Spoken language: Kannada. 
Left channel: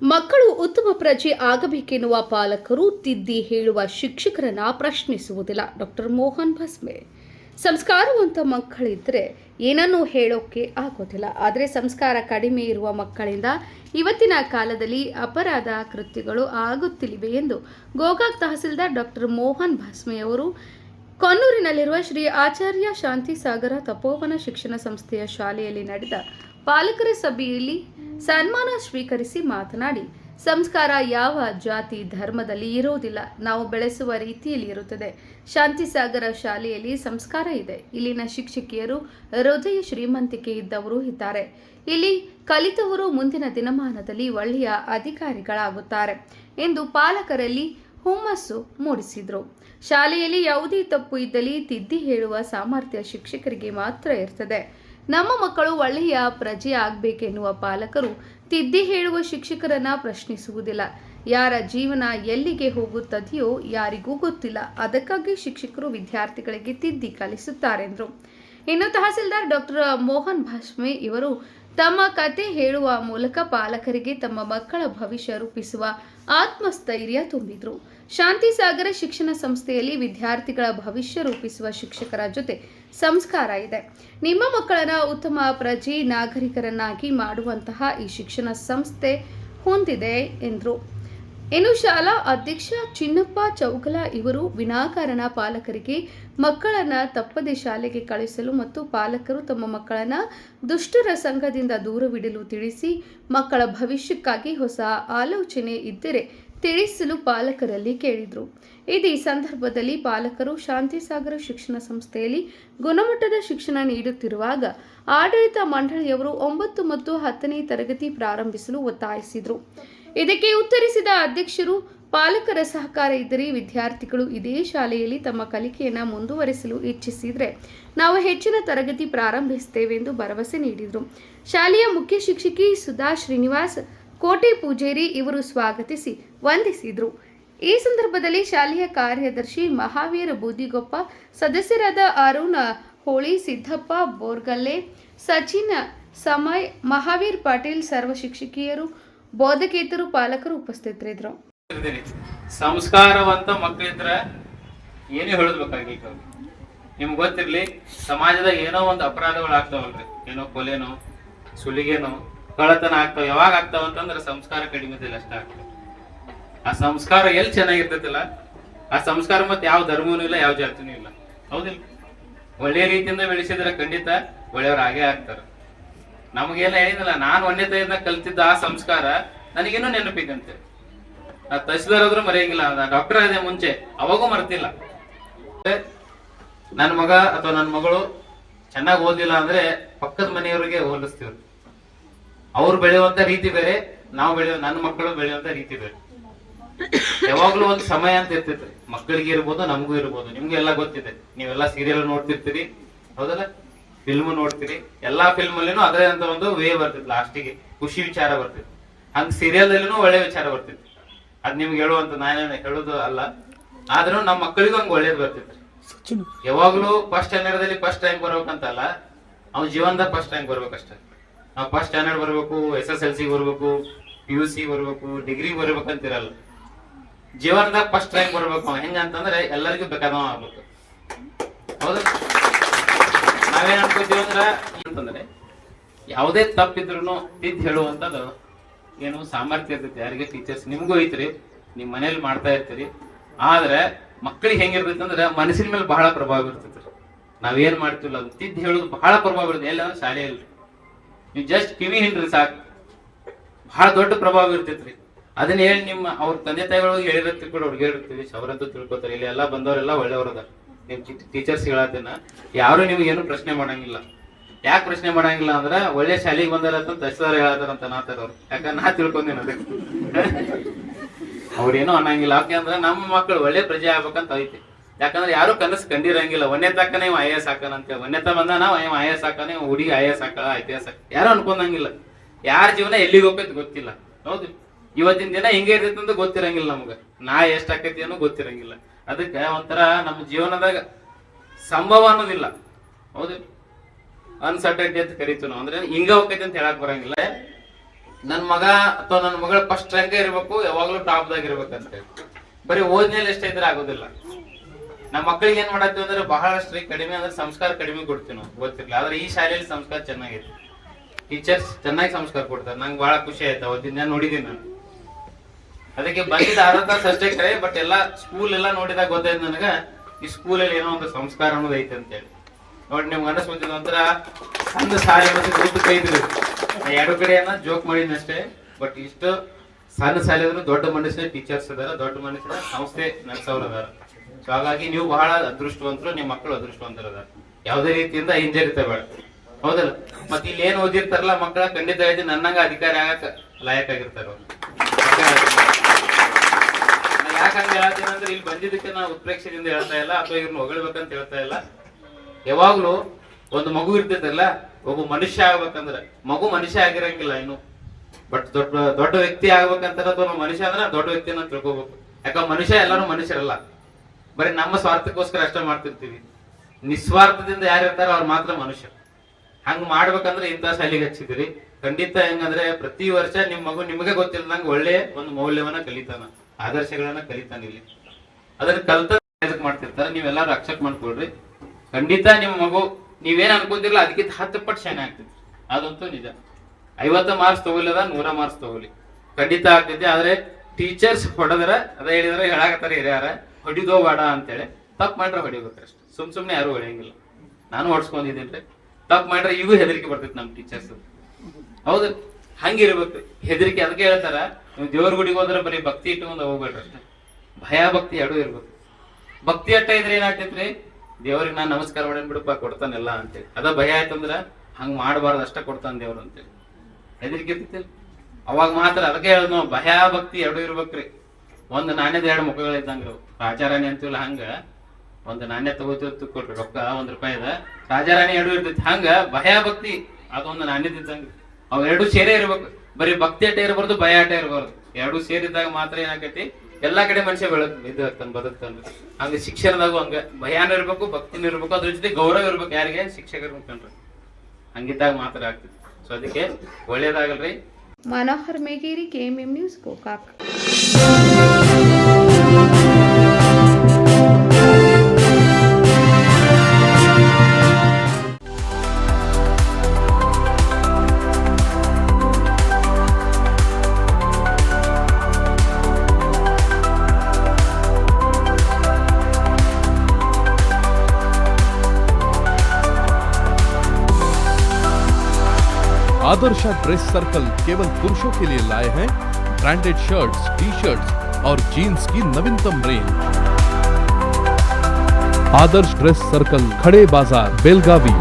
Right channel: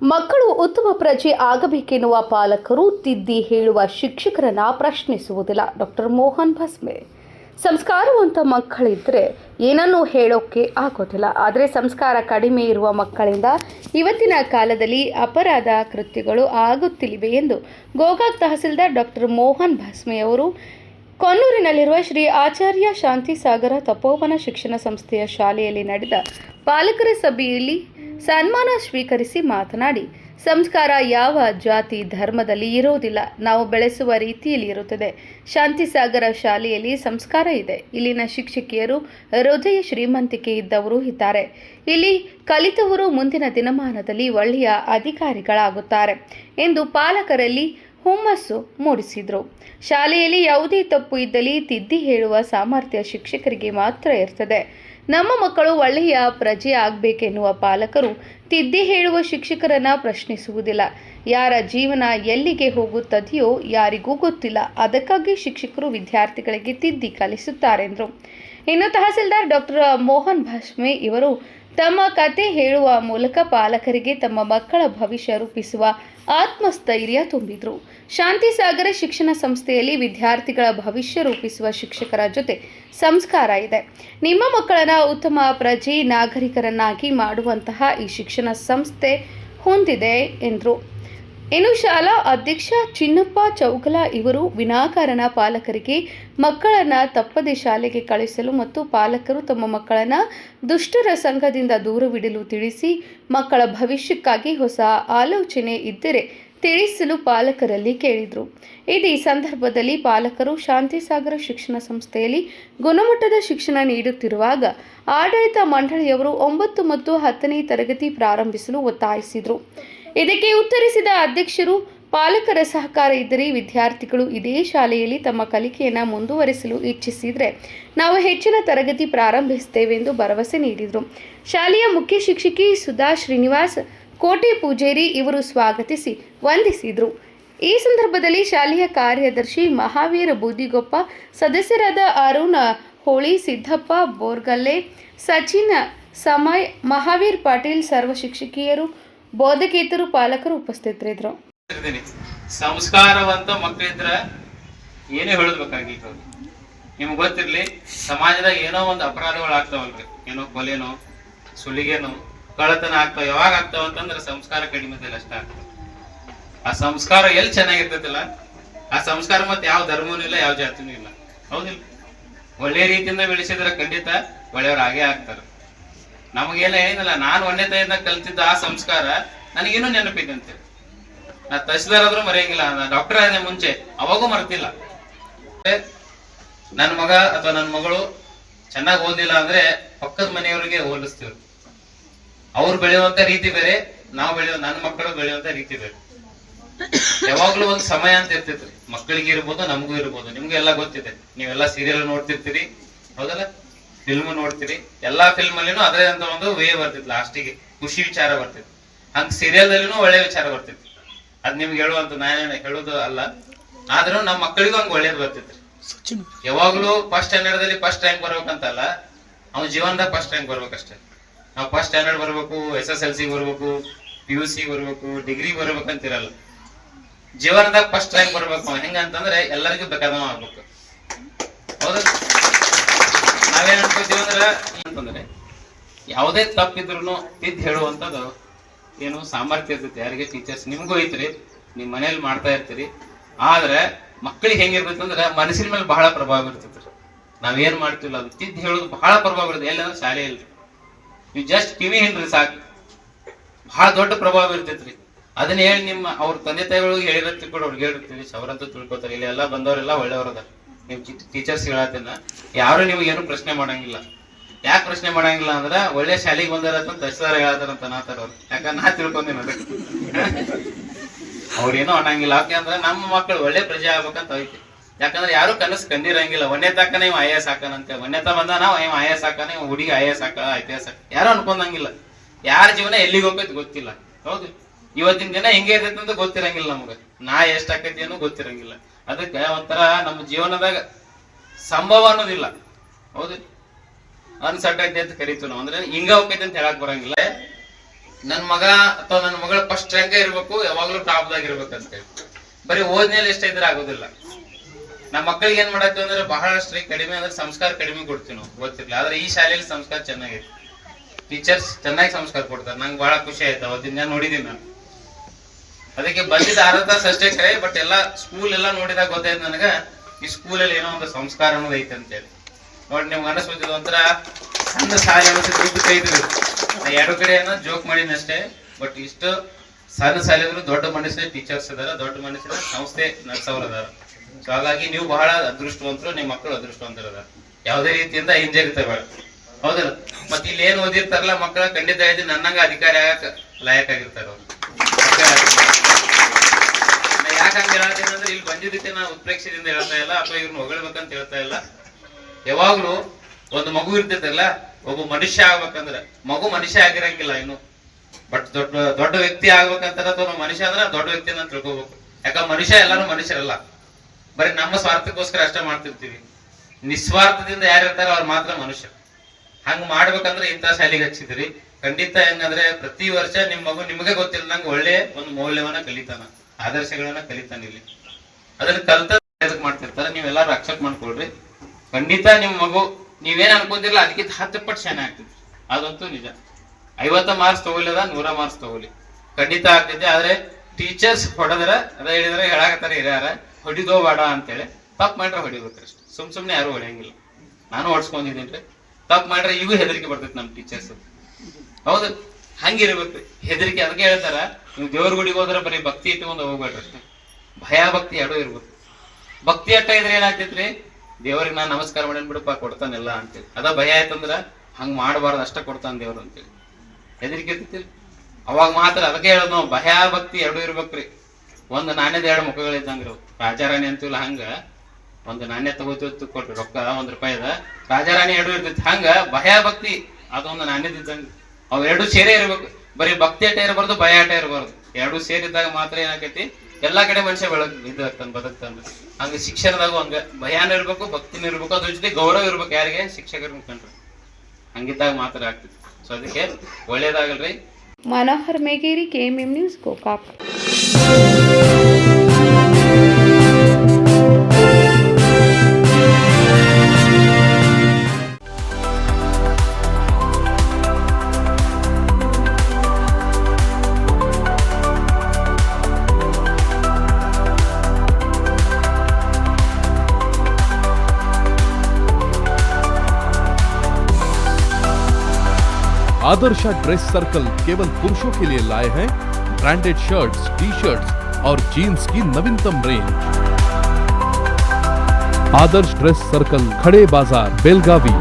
ಮಕ್ಕಳು ಉತ್ತಮ ಪ್ರಜೆ ಆಗಬೇಕೆನ್ನುವ ಪಾಲಕರು ತಿದ್ದಿ ಹೇಳುವ ಶಿಕ್ಷಕರನ್ನ ಪ್ರಶ್ನಿಸುವುದಿಲ್ಲ. ಡಾಕ್ಟರ್ ಮೋಹನ್ ಭಸ್ಮೆ. ಸಂಸ್ಕಾರವಂತ ಮಕ್ಕಳಿದ್ದರೆ ಏನನ್ನೂ ಹೇಳೋಕ್ಕೆ ಆಗೋದಿಲ್ಲ. ಆದರೆ ಸಂಸ್ಕಾರ ಕಡಿಮೆ ಇರುವ ಮಕ್ಕಳಿಂದ ಇವತ್ತಿನ ಕಾಲದಲ್ಲಿ ಅಪರಾಧ ಕೃತ್ಯಗಳು ಆಗುತ್ತಿವೆ ಎಂದು ಗೋಕಾಕ್ ತಹಸೀಲ್ದಾರ್ ಡಾಕ್ಟರ್ ಮೋಹನ್ ಭಸ್ಮೆ ಅವರು ಕೊನ್ನೂರಿನಲ್ಲಿರುವ ಶ್ರೀ ಆಚಾರ್ಯ ಶಾಂತಿಸಾಗರ ತಪೋವನ ಶಿಕ್ಷಣ ಸಂಸ್ಥೆಯ ಶಾಲೆಯಲ್ಲಿ ನಡೆದ ಪಾಲಕರ ಸಭೆಯಲ್ಲಿ ಸನ್ಮಾನ ಸ್ವೀಕರಿಸಿ ಮಾತನಾಡಿ, ಸಂಸ್ಕಾರ ಯಾವ ಜಾತಿ ಧರ್ಮದಲ್ಲಿ ಇರೋದಿಲ್ಲ, ನಾವು ಬೆಳೆಸುವ ರೀತಿಯಲ್ಲಿ ಇರುತ್ತದೆ. ಶಾಂತಿಸಾಗರ ಶಾಲೆಯಲ್ಲಿ ಸಂಸ್ಕಾರ ಇದೆ. ಇಲ್ಲಿನ ಶಿಕ್ಷಕಿಯರು ಹೃದಯ ಶ್ರೀಮಂತಿಕೆ ಇದ್ದವರು ಇದ್ದಾರೆ. ಇಲ್ಲಿ ಕಲಿತವರು ಮುಂದಿನ ದಿನಮಾನದಲ್ಲಿ ಒಳ್ಳೆಯ ಅಧಿಕಾರಿಗಳಾಗುತ್ತಾರೆ ಎಂದು ಪಾಲಕರಲ್ಲಿ ಹುಮ್ಮಸ್ಸು ಮೂಡಿಸಿದರು. ಶಾಲೆಯಲ್ಲಿ ಯಾವುದೇ ತಪ್ಪು ಇದ್ದಲ್ಲಿ ತಿದ್ದಿ ಹೇಳುವ ಸಾಮರ್ಥ್ಯ ಶಿಕ್ಷಕರಿಗೆ ಮಾತ್ರ ಇರ್ತದೆ. ನಮ್ಮ ಮಕ್ಕಳು ಒಳ್ಳೆಯ ಪ್ರಜೆ ಆಗಬೇಕೆನ್ನುವ ಪಾಲಕರು ತಿದ್ದಿ ಹೇಳುವ ಶಿಕ್ಷಕರನ್ನ ಪ್ರಶ್ನಿಸುವುದಿಲ್ಲ. ಯಾರ ಜೀವನ ಎಲ್ಲಿಗೆ ಹೋಗುತ್ತದೆಯೋ ಯಾರಿಗೂ ಗೊತ್ತಿಲ್ಲ. ಅದಕ್ಕಾಗಿ ಶಿಕ್ಷಕರು ವಿದ್ಯಾರ್ಥಿಗಳಿಗೆ ತಿದ್ದಿ ಕಲಿಸುತ್ತಾರೆಂದರು. ಇನ್ನು ತಹಸೀಲ್ದಾರ್ ಡಾಕ್ಟರ್ ಮೋಹನ್ ಭಸ್ಮೆ ಇವರು ತಮ್ಮ ಕತೆ ಹೇಳುವ ಮೂಲಕ ಪಾಲಕರಿಗೆ ತಮ್ಮ ಮಕ್ಕಳ ಭವಿಷ್ಯ ರೂಪಿಸುವ ಆತ್ಮಸ್ಥೈರ್ಯ ತುಂಬಿದರು. ಶಾಂತಿಸಾಗರ ಶಿಕ್ಷಣ ಸಂಸ್ಥೆಯಲ್ಲಿ ವಿದ್ಯಾರ್ಥಿಗಳ ಭವಿಷ್ಯ ರೂಪಿಸುವ ಶಿಕ್ಷಕರ ಜೊತೆ ಸಂಸ್ಕಾರ ಇದೆ. ನಿಮ್ಮ ಮಕ್ಕಳನ್ನ ಉತ್ತಮ ಪ್ರಜೆ ನಾಗರಿಕರನ್ನಾಗಿ ಮಾಡುವಂತಹ ಈ ಶಿಕ್ಷಣ ಸಂಸ್ಥೆ ಹೊಂದಿದೆ ಎಂದರು. ಇನ್ನು ಶಾಲಾ ಅಧ್ಯಕ್ಷ ಚಿನ್ನಪ್ಪ ಚೌಗಲ ಇವರು ವಿನಾಕಾರಣ ಪಾಲಕರಿಗೆ ಮಕ್ಕಳನ್ನ ತಪ್ಪದೆ ಶಾಲೆಗೆ ಕಳಿಸಲು ಮತ್ತು ಪಾಲಕರು ತಮ್ಮ ಮಕ್ಕಳನ್ನ ದುಷ್ಟರ ಸಂಘದಿಂದ ದೂರವಿಡಲು ತಿಳಿಸಿ, ಮಕ್ಕಳ ಭವಿಷ್ಯಕ್ಕಾಗಿ ಹೊಸ ಆಲೋಚನೆ ಇದ್ದರೆ ತಿಳಿಸಲು ಪಾಲಕರಲ್ಲಿ ಕೇಳಿದರು. ಈ ಸಂದರ್ಭದಲ್ಲಿ ಪಾಲಕರು ಶಾಂತಿಸಾಗರ ಶಿಕ್ಷಣ ಸಂಸ್ಥೆಯಲ್ಲಿ ಗುಣಮಟ್ಟದ ಶಿಕ್ಷಣ ನೀಡುತ್ತಿರುವಾಗ ಆಡಳಿತ ಮಂಡಳಿಯವರು 9 ಮತ್ತು 10ನೇ ತರಗತಿ ಪ್ರಾರಂಭಿಸಲು ಒತ್ತಾಯಿಸಿದರು. ಇದಕ್ಕೆ ಉತ್ತರಿಸಿದ ಅಧ್ಯಕ್ಷರು, ಪಾಲಕರ ಸಹಕಾರ ಇದ್ದರೆ ವಿದ್ಯಾರ್ಥಿಗಳು ಇದೇ ಶಾಲೆಯಲ್ಲಿ ತಮ್ಮ ಕಲಿಕೆಯನ್ನು ಮುಂದುವರಿಸಲು ಇಚ್ಛಿಸಿದರೆ ನಾವು ಹೆಚ್ಚಿನ ತರಗತಿ ಪ್ರಾರಂಭಿಸುತ್ತೇವೆ ಎಂದು ಭರವಸೆ ನೀಡಿದರು. ಶಾಲೆಯ ಮುಖ್ಯ ಶಿಕ್ಷಕಿ ಸುಧಾ ಶ್ರೀನಿವಾಸ್ ಕೋಟೆ ಪೂಜೇರಿ ಇವರು ಸ್ವಾಗತಿಸಿ ವಂದಿಸಿದರು. ಈ ಸಂದರ್ಭದಲ್ಲಿ ಶಾಲೆಯ ಕಾರ್ಯದರ್ಶಿ ಮಹಾವೀರ ಬೂದಿಗೊಪ್ಪ, ಸದಸ್ಯರಾದ ಅರುಣ್ ಹೋಳಿ, ಸಿದ್ದಪ್ಪ ಬೋರ್ಗಲ್ಲೆ, ಸಚಿನ್ ಸಮಯ್, ಮಹಾವೀರ್ ಪಾಟೀಲ್, ಸರ್ವ ಶಿಕ್ಷಕಿಯರು, ಬೋಧಕೇತರು, ಪಾಲಕರು ಉಪಸ್ಥಿತರಿದ್ದರು. ಸಂಸ್ಕಾರವಂತ ಮಕ್ಕಳಿದ್ರೆ ಏನೇ ಹೇಳಬೇಕಾಗಿತ್ತು. ನಿಮ್ಗೆ ಗೊತ್ತಿರ್ಲಿ, ಸಮಾಜದಾಗ ಏನೋ ಒಂದು ಅಪರಾಧಗಳು ಆಗ್ತಾವಲ್ರಿ, ಏನೋ ಕೊಲೆನೋ ಸುಲಿಗೆನೋ ಕಳ್ಳತನ ಆಗ್ತಾವ. ಯಾವಾಗ ಆಗ್ತಾವ ಅಂತಂದ್ರೆ ಸಂಸ್ಕಾರ ಕಡಿಮೆ ಇದ್ದಿಲ್ಲ ಅಷ್ಟ ಆಗ್ತಾವ. ಆ ಸಂಸ್ಕಾರ ಎಲ್ಲಿ ಚೆನ್ನಾಗಿರ್ತೈತಿಲ್ಲ, ಆ ಸಂಸ್ಕಾರ ಮತ್ತೆ ಯಾವ ಧರ್ಮನೂ ಇಲ್ಲ, ಯಾವ ಜಾತಿನೂ ಇಲ್ಲ. ಹೌದಿಲ್ಲ? ಒಳ್ಳೆ ರೀತಿಯಿಂದ ಬೆಳೆಸಿದ್ರೆ ಖಂಡಿತ ಒಳ್ಳೆಯವ್ರು ಆಗೇ ಆಗ್ತಾರೆ. ನಮಗೇನ ಏನಿಲ್ಲ, ನಾನು ಒಂದೇತೆಯಿಂದ ಕಲ್ತಿದ್ದ ಆ ಸಂಸ್ಕಾರ ನನಗೇನು ನೆನಪಿದೆ ಅಂತೆ. ನಾ ತಹಸೀಲ್ದಾರ್ ಆದ್ರೂ ಮರೆಯಂಗಿಲ್ಲ, ನಾ ಡಾಕ್ಟರ್ ಆದ ಮುಂಚೆ ಅವಾಗೂ ಮರ್ತಿಲ್ಲ. ನನ್ನ ಮಗ ಅಥವಾ ನನ್ನ ಮಗಳು ಚೆನ್ನಾಗಿ ಓದಿಲ್ಲ ಅಂದ್ರೆ ಪಕ್ಕದ ಮನೆಯವರಿಗೆ ಹೋಲಿಸ್ತೀವ್ರಿ. ಅವ್ರು ಬೆಳೆಯುವಂತ ರೀತಿ ಬೇರೆ, ನನ್ನ ಮಕ್ಕಳು ಬೆಳೆಯುವಂತ ರೀತಿ ಬೇರೆ. ಯಾವಾಗ್ಲೂ ಒಂದು ಸಮಯ ಅಂತ ಇರ್ತಿತ್ರಿ, ಮಕ್ಕಳಿಗೆ ಇರ್ಬೋದು, ನಮಗೂ ಇರ್ಬೋದು. ನಿಮ್ಗೆಲ್ಲ ಗೊತ್ತಿದೆ, ನೀವೆಲ್ಲ ಸೀರಿಯಲ್ ನೋಡ್ತಿರ್ತೀರಿ, ಹೌದಲ್ಲ? ಫಿಲ್ಮ್ ನೋಡ್ತೀರಿ. ಎಲ್ಲಾ ಫಿಲ್ಮ್ ಅಲ್ಲಿನೂ ಅದೇ ಅಂತ ಒಂದು ವೇ ಬರ್ತಿತ್ತು, ಲಾಸ್ಟಿಗೆ ಖುಷಿ ವಿಚಾರ ಬರ್ತಿತ್ತು. ಹಂಗ ಸೀರಿಯಲ್ ಅಲ್ಲಿನೂ ಒಳ್ಳೆ ವಿಚಾರ ಬರ್ತಿತ್ತು. ಅದ್ ನಿಮ್ಗೆ ಹೇಳುವಂತ ನಾನು ಹೇಳೋದು ಅಲ್ಲ, ಆದ್ರೂ ನಮ್ಮ ಮಕ್ಕಳಿಗೂ ಹಂಗ ಒಳ್ಳೇದ್ ಬರ್ತಿತ್ರಿ. ಯಾವಾಗ್ಲೂ ಫಸ್ಟ್ ಸ್ಟ್ಯಾಂಡರ್ಡ್ ಫಸ್ಟ್ ರ್ಯಾಂಕ್ ಬರ್ಬೇಕಂತಲ್ಲ, ಅವ್ನ ಜೀವನದಾಗ ಫಸ್ಟ್ ರ್ಯಾಂಕ್ ಬರ್ಬೇಕಷ್ಟೇ. ನಾವು ಫಸ್ಟ್ ಸ್ಟ್ಯಾಂಡರ್ಡ್ ಬರ್ಬೇಕು, SSLC ಬರ್ಬೇಕು, PUC ಬರ್ಬೇಕು, ಡಿಗ್ರಿ ಬರ್ಬೇಕಂತಿರಲ್ಲ. ಜೀವನದಾಗ ಫಸ್ಟ್ ರ್ಯಾಂಕ್ ಬರ್ಬೇಕು. ನಾವು ಹೆಂಗ ಅಂತಂದ್ರೆ ಎಲ್ಲರಿಗೂ ಬೇಕಾದವ ಆಗ್ಬೇಕು. ಹೌದಲ್ಲ? ನಾವೇನ್ ಅನ್ಕೋತೀವಿ ಅಂತಂದ್ರೆ ಯಾವುದೇ ತಪ್ಪಿದ್ರು ತಿದ್ದು ಹೇಳುವಂಥದ್ದು ಏನು ಸಾಮರ್ಥ್ಯ ಇರ್ತೈತಿ ಯಾರಿಗೆ, ಟೀಚರ್ಸ್ ನಿಮ್ಗೂ ಐತ್ರಿ, ನಿಮ್ ಮನೇಲಿ ಮಾಡ್ತಾ ಇರ್ತೀರಿ. ಆದ್ರೆ ಮಕ್ಕಳಿಗೆ ಹೆಂಗಿರ್ತೈತಿ ಅಂದ್ರೆ ಮನಸ್ಸಿನ ಮೇಲೆ ಬಹಳ ಪ್ರಭಾವ ಇರ್ತೈತ್ರಿ. ನಾವೇನ್ ಮಾಡ್ತಿಲ್ಲ ಅದು ತಿದ್ದು ಹೇಳೋದು ಬಹಳ ಪ್ರಭಾವ ಇರ್ತದೆ. ಎಲ್ಲಿ ಅಂದ್ರೆ ಶಾಲೆಯಲ್ಲಿ ನೀವು ಜಸ್ಟ್ ಕಿವಿ ಹಿಂಡ್ರಿ ಸಾಕು, ಬಹಳ ದೊಡ್ಡ ಪ್ರಭಾವ ಇರ್ತೈತ್ರಿ. ಅದನ್ನ ಹೇಳಿ ನಿಮ್ಮ ಅವ್ರ ತಂದೆ ತಾಯಿಗಳು ಹೇಳಿರತ್ತಿ ಕೂಡ ಅವ್ರಿಗೆ ಹೇಳಿರ್ತೀವಿ, ಅವರಂತೂ ತಿಳ್ಕೊತಾರೆ. ಇಲ್ಲಿ ಎಲ್ಲ ಬಂದವರೆಲ್ಲ ಒಳ್ಳೆಯವ್ರದ. ನಿಮ್ ಟೀಚರ್ಸ್ ಹೇಳತ್ತೇನ ಯಾರು ನಿಮ್ಗೆ ಏನು ಪ್ರಶ್ನೆ ಮಾಡಂಗಿಲ್ಲ. ಯಾಕೆ ಪ್ರಶ್ನೆ ಮಾಡಂಗಿಲ್ಲ ಅಂದ್ರೆ ಒಳ್ಳೆ ಶಾಲೆಗೆ ಬಂದಾರ ತಹಸೀಲ್ದಾರ್ ಹೇಳತ್ತಾರಂತ ನಾತಾರ ಅವ್ರು. ಯಾಕಂದ್ರೆ ನಾ ತಿಳ್ಕೊಂಡೇನ ಅದಕ್ಕೆ ಅವ್ರೇನು ಅನ್ನಂಗಿಲ್ಲ. ಯಾಕಂದ್ರೆ ನಮ್ಮ ಮಕ್ಕಳು ಒಳ್ಳೆ ಪ್ರಜೆ ಆಗ್ಬೇಕಂತ ಐತಿ. ಯಾಕಂದ್ರೆ ಯಾರು ಕನಸು ಕಂಡಿರಂಗಿಲ್ಲ, ಒಂದೇ ತಕ್ಕನ ಇವ್ IAS ಹಾಕನ ಅಂತ. ಒಂದೇ ತ ಬಂದ ನಾವು ಇವ್ IAS ಹಾಕನ, ಇವ್ ಹುಡುಗಿ IAS ಹಾಕ, IPS ಹಾಕ, ಯಾರು ಅನ್ಕೊಂಡಂಗಿಲ್ಲ. ಯಾರ ಜೀವನ ಎಲ್ಲಿಗೆ ಹೋಗ್ತೈತಿ ಗೊತ್ತಿಲ್ಲ. ಹೌದು, ಇವತ್ತಿನ ದಿನ ಹೆಂಗೆ ಇರ್ತೈತಿ ಅಂತ ಗೊತ್ತಿರಂಗಿಲ್ಲ ನಮ್ಗ. ನಾ ಎಷ್ಟ್ ಆಕೈತಿ ಅನ್ನೋ ಗೊತ್ತಿರಂಗಿಲ್ಲ. ಅದಕ್ಕೆ ಒಂಥರ ನಮ್ಮ ಜೀವನದಾಗ ಸಂಭವ ಅನ್ನೋದಿಲ್ಲ. ಹೌದು, ಅನ್ಸರ್ಟೈಟಿ ಅಂತ ಕರಿತೀವಿ ನಾವು. ಅಂದ್ರೆ ಹಿಂಗ ಹೋಗ್ತೈತಿ ಅಂತ ಹೇಳಕ್ ಬರಂಗಿಲ್ಲ. ನನ್ ಮಗ ಅಥವಾ ನನ್ನ ಮಗಳ ಫಸ್ಟ್ ರ್ಯಾಂಕ್ ಇರ್ಬೇಕು, ಯಾವಾಗ್ಲೂ ಟಾಪ್ ದಾಗ ಇರ್ಬೇಕಂತ ಹೇಳಿ. ಬರೀ ಓದ್ನೇಲಿ ಎಷ್ಟೈದ್ರೆ ಆಗೋದಿಲ್ಲ. ನಮ್ಮ ಮಕ್ಕಳಿಗೆ ಏನ್ ಮಾಡತ್ತೀವಿ ಅಂದ್ರೆ ಬಹಳಷ್ಟು ಕಡಿಮೆ ಅಂದ್ರೆ ಸಂಸ್ಕಾರ ಕಡಿಮೆ ಕೊಡ್ತೀವಿ ನಾವು, ಗೊತ್ತಿರ್ಲಿಲ್ಲ. ಆದ್ರೆ ಈ ಶಾಲೆಯಲ್ಲಿ ಸಂಸ್ಕಾರ ಚೆನ್ನಾಗಿದೆ, ಟೀಚರ್ಸ್ ಚೆನ್ನಾಗಿ ಸಂಸ್ಕಾರ ಕೊಡ್ತಾರೆ. ನಂಗೆ ಬಹಳ ಖುಷಿ ಆಯ್ತು ಅವತ್ತಿನ ನಾನು ನೋಡಿದೀನಿ. ನಾನು ಅದಕ್ಕೆ ಬಂದಿದ್ದ 6 ತಾಸು ಅಷ್ಟೇ ಕರೆ, ಬಟ್ ಎಲ್ಲಾ ಸ್ಕೂಲ್ ಎಲ್ಲಾ ನೋಡಿದಾಗ ಗೊತ್ತಾಯ್ತು ನನಗ ಈ ಸ್ಕೂಲಲ್ಲಿ ಏನೋ ಒಂದು ಸಂಸ್ಕಾರ ಅನ್ನೋದು ಐತೆ ಅಂತ ಹೇಳಿ. ನೋಡಿ ನಿಮ್ಗೆ ಅನಿಸ್ಬಿಟ್ಟಿದ್ ಒಂಥರ ಸಣ್ಣ ಸಾಲಿ ಅನ್ನಿಸಿ ದುಡ್ಡು ಕೈದ್ವಿ. ನಾ 2 ಕಡೆ ಏನೋ ಜೋಕ್ ಮಾಡಿದ್ನಿ ಅಷ್ಟೇ. ಬಟ್ ಇಷ್ಟು ಸಣ್ಣ ಶಾಲೆ ಅಂದ್ರೆ ದೊಡ್ಡ ಮನುಷ್ಯನ ಟೀಚರ್ಸ್ ಇದಾರ, ದೊಡ್ಡ ಮನುಷ್ಯನ ಸಂಸ್ಥೆ ನಡೆಸೋರು ಅದಾರ. ಸೊ ಹಾಗಾಗಿ ನೀವು ಬಹಳ ಅದೃಷ್ಟವಂತರು, ನಿಮ್ಮ ಮಕ್ಕಳು ಅದೃಷ್ಟವಂತರು ಅದಾರ. ಯಾವುದೇ ರೀತಿಯಿಂದ ಹಿಂಜರಿತಬೇಡ, ಹೌದಲ್ಲ? ಮತ್ತೆ ಇಲ್ಲಿ ಏನ್ ಓದಿರ್ತಾರಲ್ಲ ಮಕ್ಕಳ, ಖಂಡಿತ ಇದೆ ನನ್ನಂಗ ಅಧಿಕಾರಿ ಆಗಕ್ ಲಾಯಕ್ ಆಗಿರ್ತಾರ ಅವ್ರು. ಯಾಕಂತ ಹೇಳ್ತೀನಿ ಅಂದ್ರೆ ಇಲ್ಲಿ ಬಂದಿದ್ದಕ್ಕೆ ನಾನು ಉತ್ಪ್ರೇಕ್ಷದಿಂದ ಹೇಳ್ತಾ ಇಲ್ಲ ಅಥವಾ ಇವ್ರನ್ನ ಹೊಗಳ್ಬೇಕಂತ ಹೇಳ್ತಾ ಇಲ್ಲ. ಯಾವಾಗ್ಲೂ ಒಂದು ಮಗು ಇರ್ತೈತಲ್ಲ, ಒಬ್ಬ ಮನುಷ್ಯ ಆಗ್ಬೇಕಂದ್ರೆ ಮಗು ಮನುಷ್ಯ ಆಗಿರಂಗಿಲ್ಲ ಇನ್ನು, ಬಟ್ ದೊಡ್ಡ ವ್ಯಕ್ತಿ ಆಗ್ಬೇಕಂತಾರ ಅಥವಾ ಮನುಷ್ಯ ಅಂದ್ರೆ ದೊಡ್ಡ ವ್ಯಕ್ತಿ ಅಂತ ತಿಳ್ಕೊಬೇಕು. ಯಾಕಂದ್ರೆ ಮನುಷ್ಯ ಎಲ್ಲರೂ ಮನುಷ್ಯರಲ್ಲ, ಬರೀ ನಮ್ಮ ಸ್ವಾರ್ಥಕ್ಕೋಸ್ಕರ ಅಷ್ಟೇ ಮಾಡ್ತಿರ್ತೀವಿ. ನಿಸ್ವಾರ್ಥದಿಂದ ಯಾರಿರ್ತಾರ ಅವ್ರು ಮಾತ್ರ ಮನುಷ್ಯ. ಹಂಗ ಮಾಡ್ಬೇಕಂದ್ರೆ ಇಂಥ ಶಾಲೆಗೆ ಹಚ್ಚಿದ್ರಿ. ಖಂಡಿತ ಹೆಂಗಂದ್ರೆ ಪ್ರತಿ ವರ್ಷ ನಿಮ್ ಮಗು ನಿಮಗೆ ಗೊತ್ತಿಲ್ಲ ನಂಗೆ ಒಳ್ಳೆ ಒಂದು ಮೌಲ್ಯವನ್ನ ಕಲಿತಾನ, ಆದರ್ಶಗಳನ್ನ ಕಲಿತಾನ. ಇಲ್ಲಿ ಅದನ್ನ ಕಲ್ತ ಮಾಡ್ತಿರ್ತಾರ, ನೀವೆಲ್ಲಾರು ಅಕ್ಸೆಪ್ಟ್ ಮಾಡ್ಕೊಳ್ರಿ. ಖಂಡಿತ ನಿಮ್ಮ ಮಗು ನೀವೇನ್ ಅನ್ಕೊಂತಿರ್ಲ ಅದಕ್ಕಿಂತ 10 ಪಟ್ಟು ಶಾನೆ ಆಗ್ತೈತಿ, ಅದಂತೂ ನಿಜ. 50 ಮಾರ್ಕ್ಸ್ ತಗೊಲಿದ 100 ಮಾರ್ಕ್ಸ್ ತಗೊಲಿ, ಖಂಡಿತ ಆಗ್ತೈತಿ. ಆದ್ರೆ ಟೀಚರ್ಸ್ ಹೊಡೆದ್ರ ಅದ ಹೇಳಿದ್ರೆ ಹೇಳಾಕತ್ತಾರ ಹಿರಿಯಾರ, ಹೊಡಿದೋ ಬೇಡ ಅಂತೇಳಿ. ತಪ್ಪು ಮಾಡ್ರೆ ಹೊಡಿಬೇಕಷ್ಟೆ, ಸುಮ್ನೆ ಯಾರು ಹೊಡೆಯಂಗಿಲ್ಲ. ನಾನು ಹೊಡ್ಸ್ಕೊಂಡಿದ್ದೀನಿ. ತಪ್ಪು ಮಾಡ್ರೆ ಈಗೂ ಹೆದರಿಕೆ ಬರ್ತೈತಿ ನಮ್ ಟೀಚರ್ಸ್, ಹೌದು? ಹಂಗಿರ್ಬೇಕು ಹೆದರಿಕೆ. ಅದಕ್ಕೆ ಹೇಳ್ತಾರ ನೀವು ದೇವ್ರ ಗುಡಿಗೆ ಹೋದ್ರೆ ಬರೀ ಭಕ್ತಿ ಇಟ್ಕೊಂಡು ಹೋಗ್ಬೇಡ್ರಿ ಅಷ್ಟೇ, ಭಯ ಭಕ್ತಿ ಎರಡೂ ಇರ್ಬೇಕು. ಭಕ್ತಿ ಅಟ್ಟ ಇದ್ರೆ ಏನಾಗ್ತೈತ್ರಿ, ದೇವ್ರಿಗೆ ನಾನ್ ನಮಸ್ಕಾರ ಮಾಡೇನ್ ಬಿಡಪ್ಪ ಕೊಡ್ತಾನೆಲ್ಲ ಅಂತೇಳಿ. ಅದ ಭಯ ಆಯ್ತಂದ್ರ ಹಂಗ್ ಮಾಡಬಾರ್ದು, ಅಷ್ಟ ಕೊಡ್ತಾನ ದೇವ್ರು ಅಂತೇಳಿ ಹೆದರಿಕೆ ಇರ್ತೈತಿ. ಅವಾಗ ಮಾತ್ರ ಅದಕ್ಕೆ ಹೇಳೋದು ನಾವು ಭಯ ಭಕ್ತಿ ಎರಡೂ ಇರ್ಬೇಕ್ರಿ. ಒಂದು ನಾಣ್ಯದ 2 ಮುಖಗಳಿದ್ದಂಗ್ರಿ. ರಾಜಾರಾಣಿ ಅಂತೀವಲ್ಲ ಹಂಗ, ಒಂದು ನಾಣ್ಯ ತಗೋತೀವಿ ಕೊಟ್ರಿ ರೊಕ್ಕ ₹1 ರಾಜಾರಾಣಿ 2 ಇರ್ತೈತಿ. ಹಂಗ ಭಯ ಭಕ್ತಿ ಅದೊಂದು ನಾಣ್ಯದ ಇದ್ದಂಗ, ಅವ್ 2 ಸೇರೇ ಇರ್ಬೇಕು. ಬರೀ ಭಕ್ತಿ ಅಟ ಇರಬಾರ್ದು, ಭಯ ಅಟ ಇರಬಾರ್ದು. 2 ಸೇರಿದ್ದಾಗ ಮಾತ್ರ ಏನಾಕೈತಿ, ಎಲ್ಲಾ ಕಡೆ ಮನುಷ್ಯ ಬದುಕ್ತಾನ. ಹಂಗ ಶಿಕ್ಷಣದಾಗು ಹಂಗ ಭಯಾನು ಇರ್ಬೇಕು, ಭಕ್ತಿನೂ ಇರ್ಬೇಕು, ಅದ್ರ ಜೊತೆ ಗೌರವ ಇರ್ಬೇಕು. ಯಾರಿಗೆ? ಶಿಕ್ಷಕರು ಕಂಡ್ರಿ. ಹಂಗಿದ್ದಾಗ ಮಾತ್ರ ಆಗ್ತೈತಿ. ಸೊ ಅದಕ್ಕೆ ಒಳ್ಳೇದಾಗಲ್ರಿ. Manohar Megeri, KMM news, Gokak. Adarsh dress circle केवल पुरुषों के लिए लाए हैं ब्रांडेड शर्ट्स, टी शर्ट्स और जीन्स की नवीनतम रेंज। आदर्श ड्रेस सर्कल, खड़े बाजार, बेलगावी।